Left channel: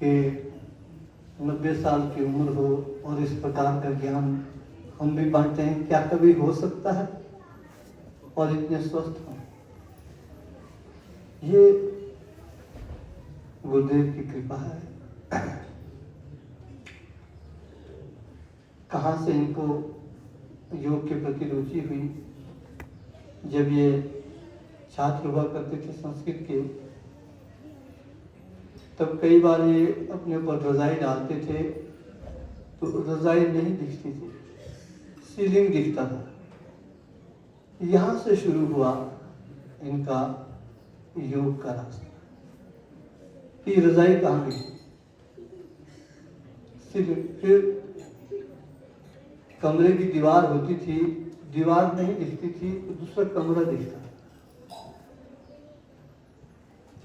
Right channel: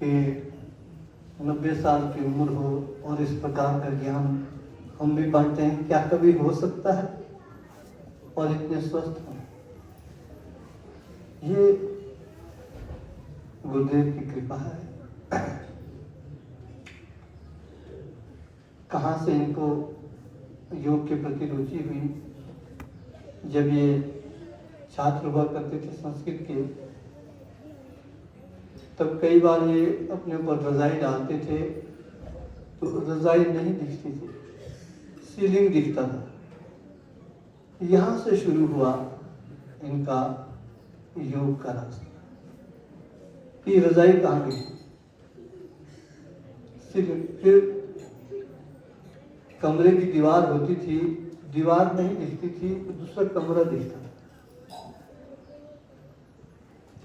कि 90 साल की उम्र हो और इस प्रकार का ज्ञान हम भी बांटते हैं, क्या कभी हो सकता है? और इतने स्वस्थ हों, ये गुरुदेव की कृपा है। कहाँ से इनको योग के प्रति रुचि हुई? जब ये छात्र हुआ करते थे संस्कृत के, तब कई बार ये अपने ऊपर रजाई डालते थे तो रजाई नहीं दिखती थी, सीलिंग दिखता था। यहाँ से शुरू हुआ इनका योग का रास्ता। ये रजाई कहाँ गई? सीलिंग। फिर कमरे की दीवार होती थी, दीवार नहीं दिखती थी तो दूसरा कमरा दिखता।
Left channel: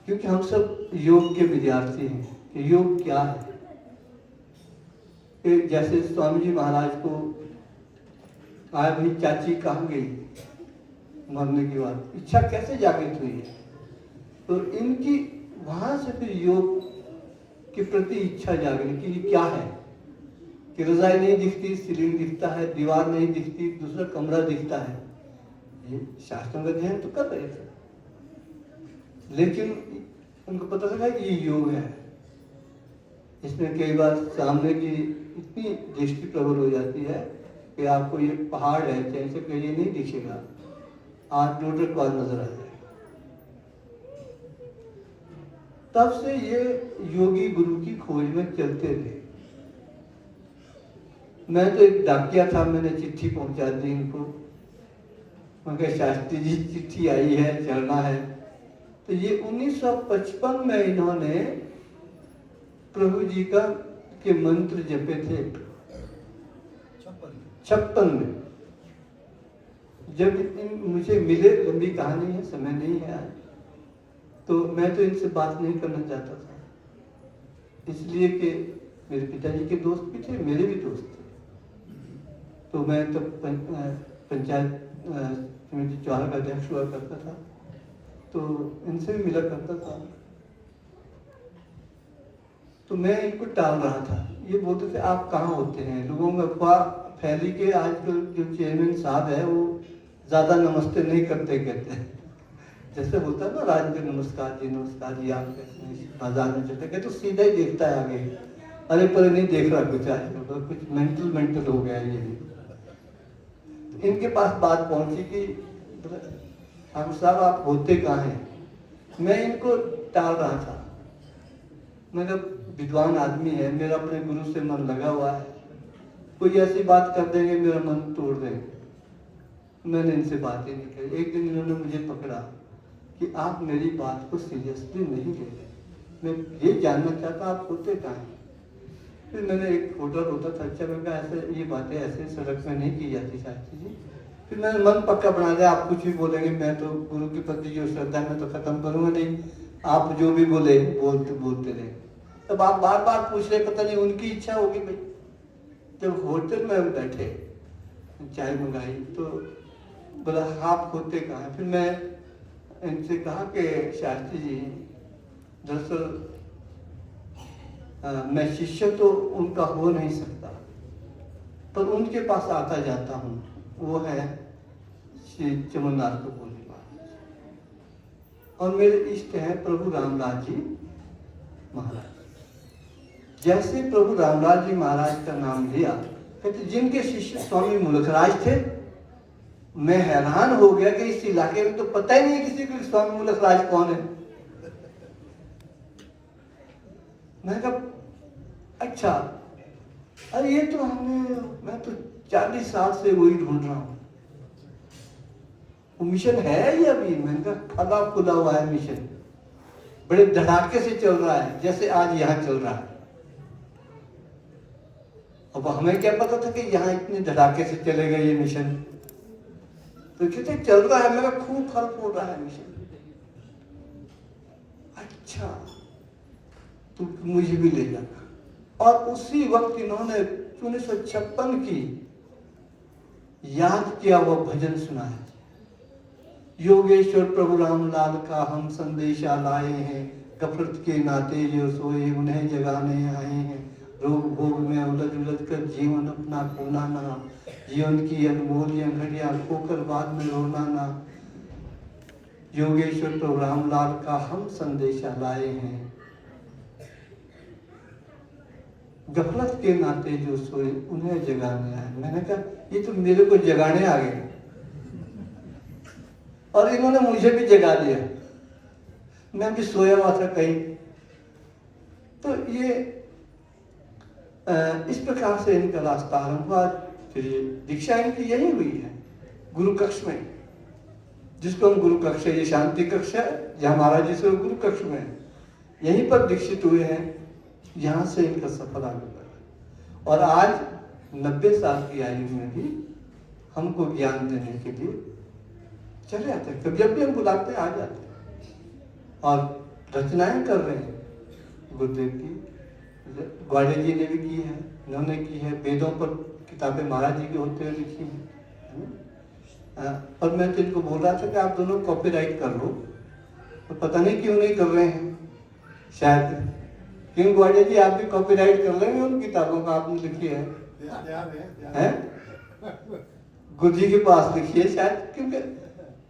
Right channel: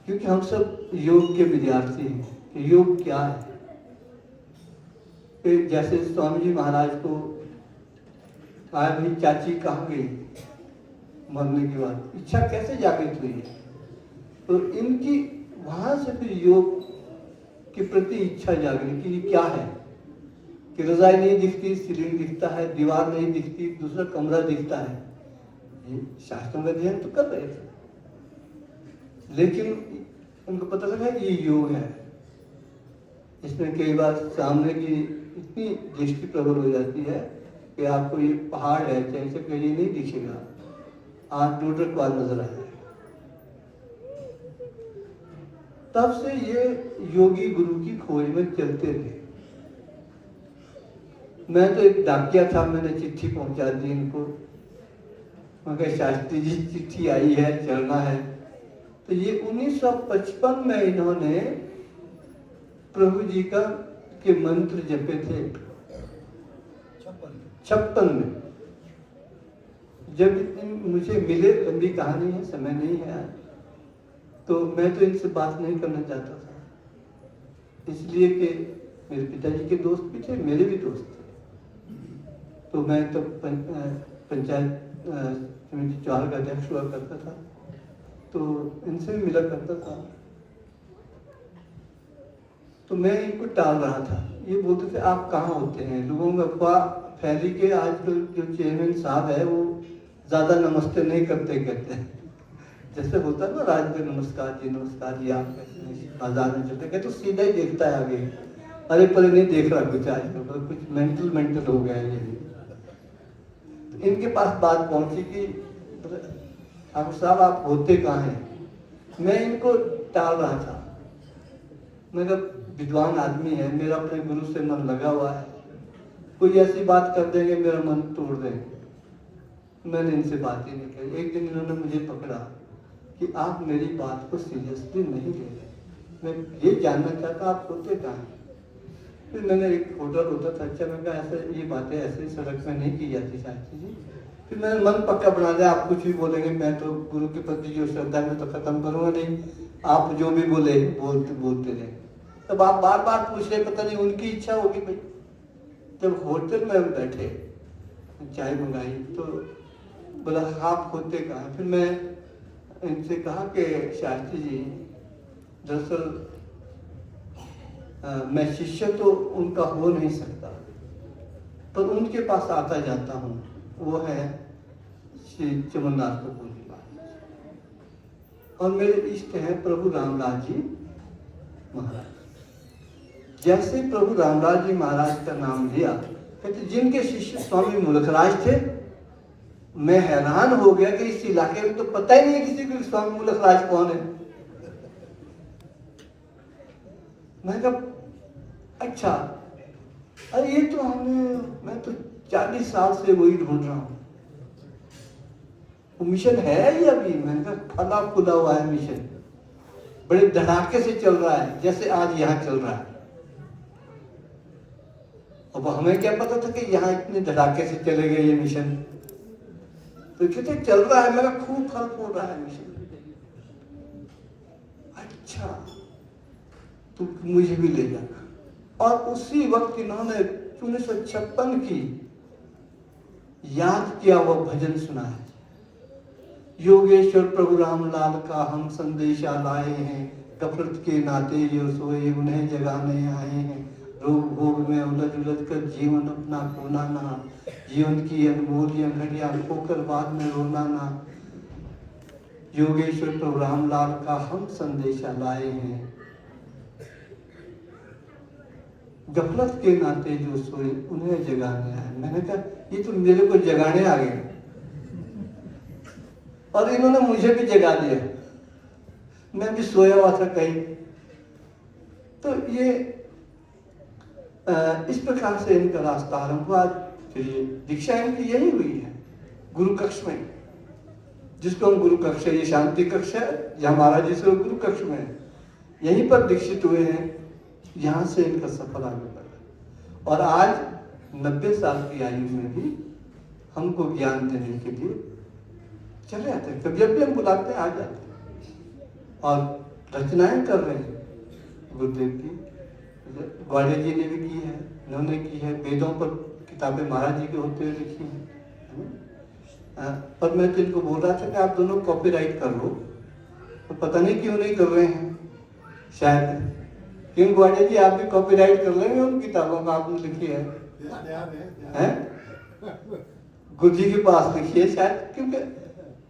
क्योंकि हम सब योग के विद्यार्थी हैं कि योग क्या है। फिर जैसे स्वामी जी महाराज को कहा भाई चाची कहाँ गई मरने के बाद, इच्छा कैसे जागृत हुई है? तो इनकी वहां से फिर योग के प्रति इच्छा जागृत कि क्या है कि रजाई नहीं दिखती, सीलिंग दिखता है, दीवार नहीं दिखती, दूसरा कमरा दिखता है। ये शास्त्रों का अध्ययन तो कर रहे थे, लेकिन उनको पता लगा ये योग है। इसमें कई बार सामने की इतनी दृष्टि प्रबल हो जाती है कि आपको ये पहाड़ है चाहे से कहीं नहीं दिखेगा, 8 किलोमीटर बाद नजर आ जाएगा। तब से ये योगी गुरु की खोज में चलते थे। मैं तो एक डाकिया था, मैंने चिट्ठी पहुंचा दी इनको। मैं कहा शास्त्री जी चिट्ठी आई है, चलना है। तो ये 1955 में इन्होंने प्रभु जी का के मंत्र जपे थे। 56 में जब मुझे मिले, लंबी कहानी है, समय नहीं है, तो मैं तो इनसे बात नहीं करना चाहता था, इसलिए कि मेरे पिताजी के दोस्त भी थे, मेरे भी दोस्त थे। तो मैं तब पंचायत समिति 4 का अध्यक्ष हुआ करता था, तो इनसे भी मिला करता था। तो मैं इनको टाल रहा था। ये बोलते थे आप कहाँ होते हैं? लोगों में अफवाह फैली के आजकल जो चेयरमैन साहब है वो ज्यादा नमस्ते नहीं करते कहते हैं, जैसे होता है ना राज में नमस्कार जी आप कैसे, बाजार में चलते कहते तो सीधा ही देखता है आगे, अरे पर नहीं देख रहा कुछ आजकल, कुछ मेंटल हो गया है। ये इनके पास बात पहुंची कि ठाकुर साहब आप होते कहाँ हैं? मैं इनको टाल रहा था। मैं विद्वान आदमी है, मेरा अपने गुरु से मन लगा हुआ है, कोई ऐसी बात कर देंगे मेरा मन तोड़ देंगे। मैंने इनसे बात ही नहीं की। एक दिन इन्होंने मुझे पकड़ा कि आप मेरी बात को सीरियसली नहीं ले रहे, मैं ये जानना चाहता आप होते कहाँ हैं? फिर मैंने एक होटल होता था, अच्छा मैं कहा ऐसे ये बातें ऐसे सड़क में नहीं की जाती शास्त्री जी। फिर मैंने मन पक्का बना दिया, आप कुछ भी बोलेंगे मैं तो गुरु के प्रति जो श्रद्धा में तो खत्म करूंगा नहीं, आप जो भी बोले बोलते रहे। तब आप बार बार पूछ रहे, पता नहीं उनकी इच्छा होगी भाई। जब होटल में बैठे चाय मंगाई तो बोला आप होते कहाँ? फिर मैं इनसे कहा कि शास्त्री जी दरअसल मैं शिष्य तो उनका हो नहीं सकता, पर उनके पास आता जाता हूँ, वो है श्री चमनदास कपूर महाराज, और मेरे इष्ट हैं प्रभु रामदास जी महाराज। जैसे प्रभु रामदास जी महाराज का नाम लिया, कहते जिनके शिष्य स्वामी मुलखराज थे, मैं हैरान हो गया कि इस इलाके में तो पता ही नहीं किसी को स्वामी मुलखराज कौन है। मैं कहा अच्छा, अरे ये तो मैं तो 40 साल से वही ढूंढ रहा हूं, वो मिशन है ही अभी? मैंने कहा फला खुला हुआ है मिशन, बड़े धड़ाके से चल रहा है, जैसे आज यहाँ चल रहा है। अब हमें क्या पता था कि यहाँ इतने धड़ाके से चलेगा ये मिशन? तो कहते चल रहा है, मेरा खूब फल हो रहा है मिशन। अच्छा तो मुझे भी ले जाना। और उसी वक्त इन्होंने 1956 की याद किया वो भजन सुनाया, योगेश्वर प्रभु रामलाल का हम संदेशा लाए हैं, गफलत के नाते जो सोए उन्हें जगाने आए हैं, रोग भोग में उलझ उलझ कर जीवन अपना खोना ना, जीवन की अनमोल घड़ियां खोकर बाद में रोना ना। योगेश्वर तो रामलाल का हम संदेशा लाए हैं, गफलत के नाते जो सोए उन्हें जगाने आए। मैंने कहा ये तो मेरे को जगाने आ गए और इन्होंने मुझे भी जगा दिया, मैं भी सोया हुआ था कहीं। तो ये इस प्रकार से इनका रास्ता आरंभ हुआ। फिर दीक्षा इनकी यही हुई है गुरु कक्ष में, जिसको हम गुरु कक्ष, ये शांति कक्ष है जहाँ महाराज जी से गुरु कक्ष में यहीं पर दीक्षित हुए हैं। यहाँ से इनका सफर आगे बढ़ा और आज 90 साल की आयु में भी हमको ज्ञान देने के लिए चले आते हैं। कभी जब भी हम बुलाते हैं आ जाते हैं और रचनाएं कर रहे हैं गुरुदेव की। ग्वालियर जी ने भी की है, इन्होंने की है, वेदों पर किताबें महाराज जी के होते हुए लिखी है। और मैं जिनको बोल रहा था कि आप दोनों कॉपीराइट कर लो, तो पता नहीं क्यों नहीं कर रहे हैं, शायद क्यों ग्वालियर जी आप भी कॉपीराइट कर लेंगे उन किताबों का आपने लिखी है, गुरु जी के पास लिखी है शायद। क्योंकि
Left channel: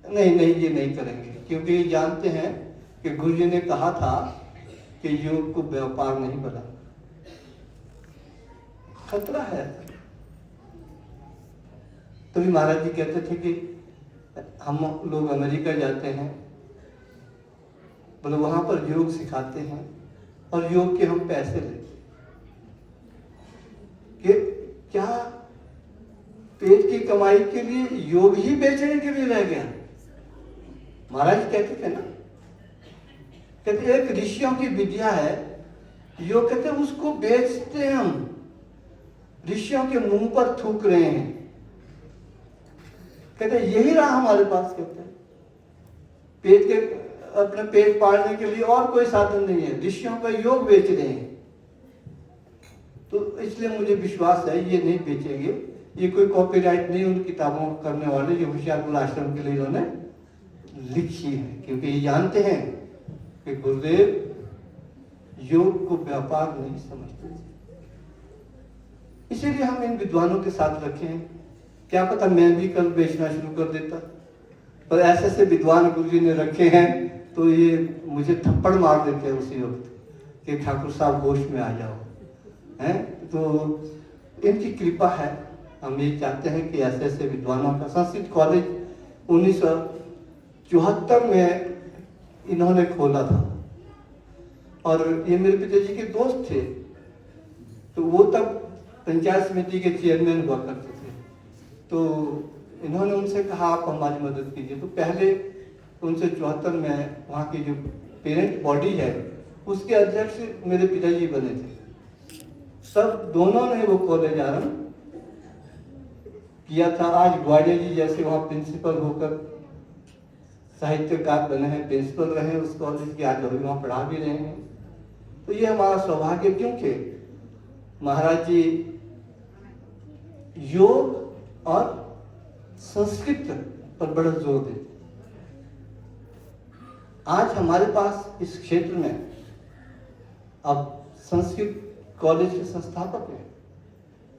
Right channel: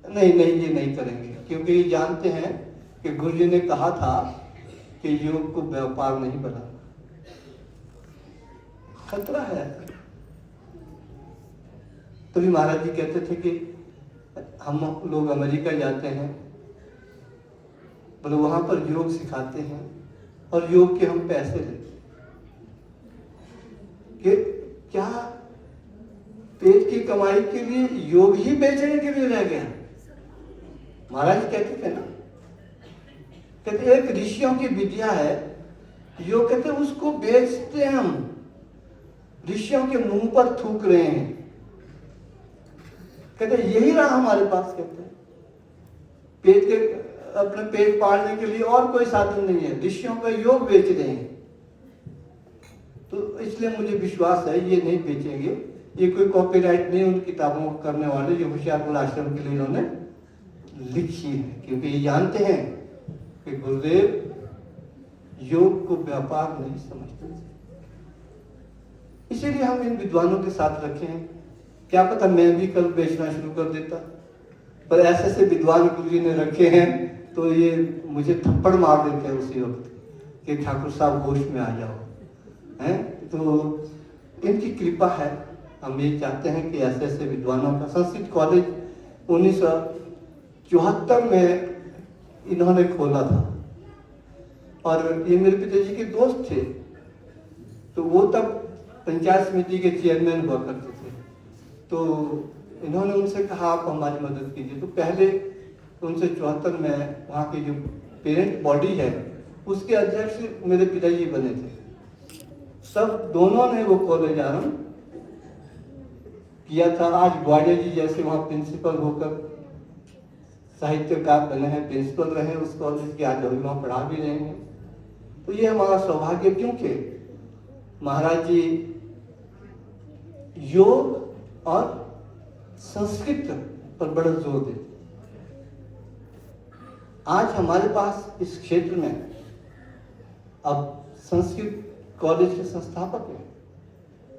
नहीं ये नहीं करेंगे, क्योंकि ये जानते हैं कि गुरु जी ने कहा था कि योग को व्यापार नहीं बना, खतरा है। तभी महाराज जी कहते थे कि हम लोग अमेरिका जाते हैं, बोले वहां पर योग सिखाते हैं और योग के हम पैसे लेते कि क्या पेट की कमाई के लिए योग ही बेचने के लिए रह गया। महाराज कहते थे ना, कहते एक ऋषियों की विद्या है योग, कहते उसको बेचते हैं हम, ऋषियों के मुंह पर थूक रहे हैं। कहते यही रहा हमारे पास, कहते हैं पेट के अपने पेट पालने के लिए और कोई साधन नहीं है, ऋषियों का योग बेच रहे हैं। तो इसलिए मुझे विश्वास है ये नहीं बेचेंगे, ये कोई कॉपीराइट नहीं उन किताबों को करने वाले जो होशियारपुर आश्रम के लिए इन्होंने लिखी है, क्योंकि ये जानते हैं कि गुरुदेव योग को व्यापार नहीं समझते। इसीलिए हम इन विद्वानों के साथ रखे हैं। क्या पता मैं भी कल बेचना शुरू कर देता, पर ऐसे ऐसे विद्वान गुरु जी ने रखे हैं तो ये मुझे थप्पड़ मार देते हैं उसी वक्त कि ठाकुर साहब होश में आ जाओ, हैं। तो इनकी कृपा है, हम ये चाहते हैं कि ऐसे ऐसे विद्वानों का। संस्कृत कॉलेज 1974 में इन्होंने खोला था और ये मेरे पिताजी के दोस्त थे, तो वो तब पंचायत समिति के चेयरमैन हुआ करते थे। तो इन्होंने उनसे कहा आप हमारी मदद कीजिए। तो पहले 1974 में वहाँ की जो पेरेंट बॉडी है उसके अध्यक्ष मेरे पिताजी बने थे। सब दोनों ने वो कॉलेज आरंभ किया था। आज ग्वालियर जी जैसे वहाँ प्रिंसिपल होकर साहित्यकार बने हैं, प्रिंसिपल रहे उस कॉलेज के, आज वहाँ पढ़ा भी रहे हैं। तो ये हमारा सौभाग्य, क्योंकि महाराज जी योग और संस्कृत पर बड़ा जोर देते। आज हमारे पास इस क्षेत्र में अब संस्कृत कॉलेज के संस्थापक हैं,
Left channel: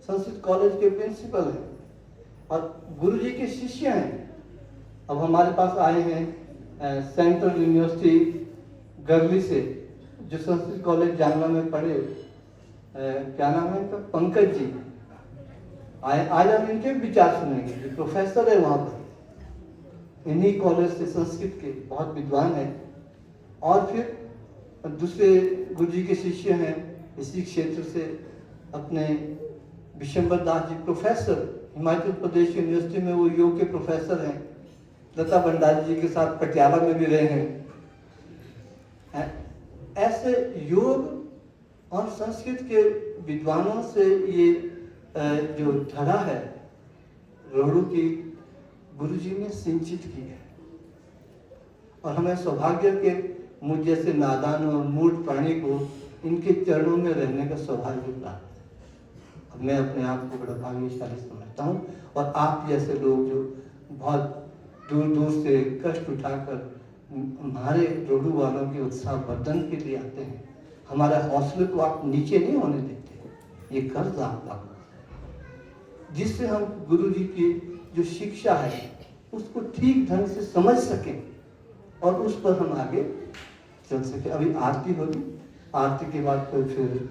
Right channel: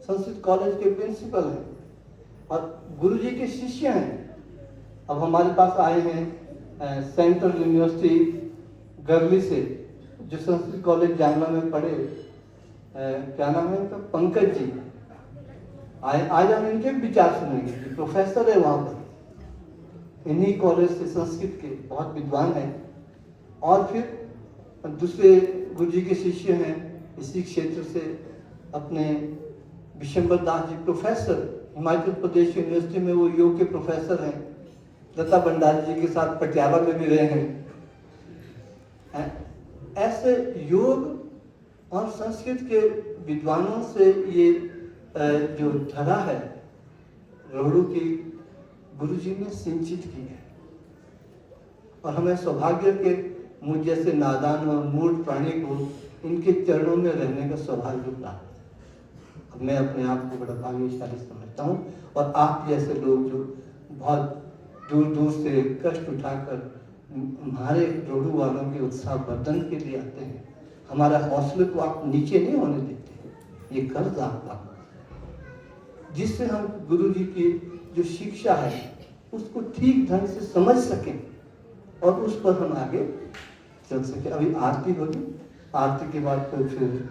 संस्कृत कॉलेज के प्रिंसिपल हैं और गुरु जी के शिष्य हैं। अब हमारे पास आए हैं सेंट्रल यूनिवर्सिटी गरली से, जो संस्कृत कॉलेज जानवा में पढ़े, क्या नाम है उनका, पंकज जी। आज हम इनके विचार सुनेंगे, जो प्रोफेसर है वहां पर, इन्हीं कॉलेज से संस्कृत के बहुत विद्वान हैं। और फिर दूसरे गुरु जी के शिष्य हैं इसी क्षेत्र से, अपने विशंबर दास जी प्रोफेसर, हिमाचल प्रदेश यूनिवर्सिटी में वो योग के प्रोफेसर हैं। लता भंडारी जी के साथ पटियाला में भी रहे हैं। ऐसे योग और संस्कृत के विद्वानों से ये जो धरा है रोहड़ू की, गुरु जी ने सिंचित की है। और हमें सौभाग्य के मुझ जैसे नादान और मूढ़ प्राणी को इनके चरणों में रहने का सौभाग्य प्राप्त। मैं अपने आप को बड़ा भाग्यशाली समझता हूँ, और आप जैसे लोग जो बहुत दूर दूर से कष्ट उठाकर हमारे जोड़ू वालों के उत्साह वर्धन के लिए आते हैं, हमारा हौसले को आप नीचे नहीं होने देते। ये कर्ज आपका, जिससे हम गुरु जी की जो शिक्षा है उसको ठीक ढंग से समझ सकें और उस पर हम आगे चल सके। अभी आरती होगी, आरती के बाद तो फिर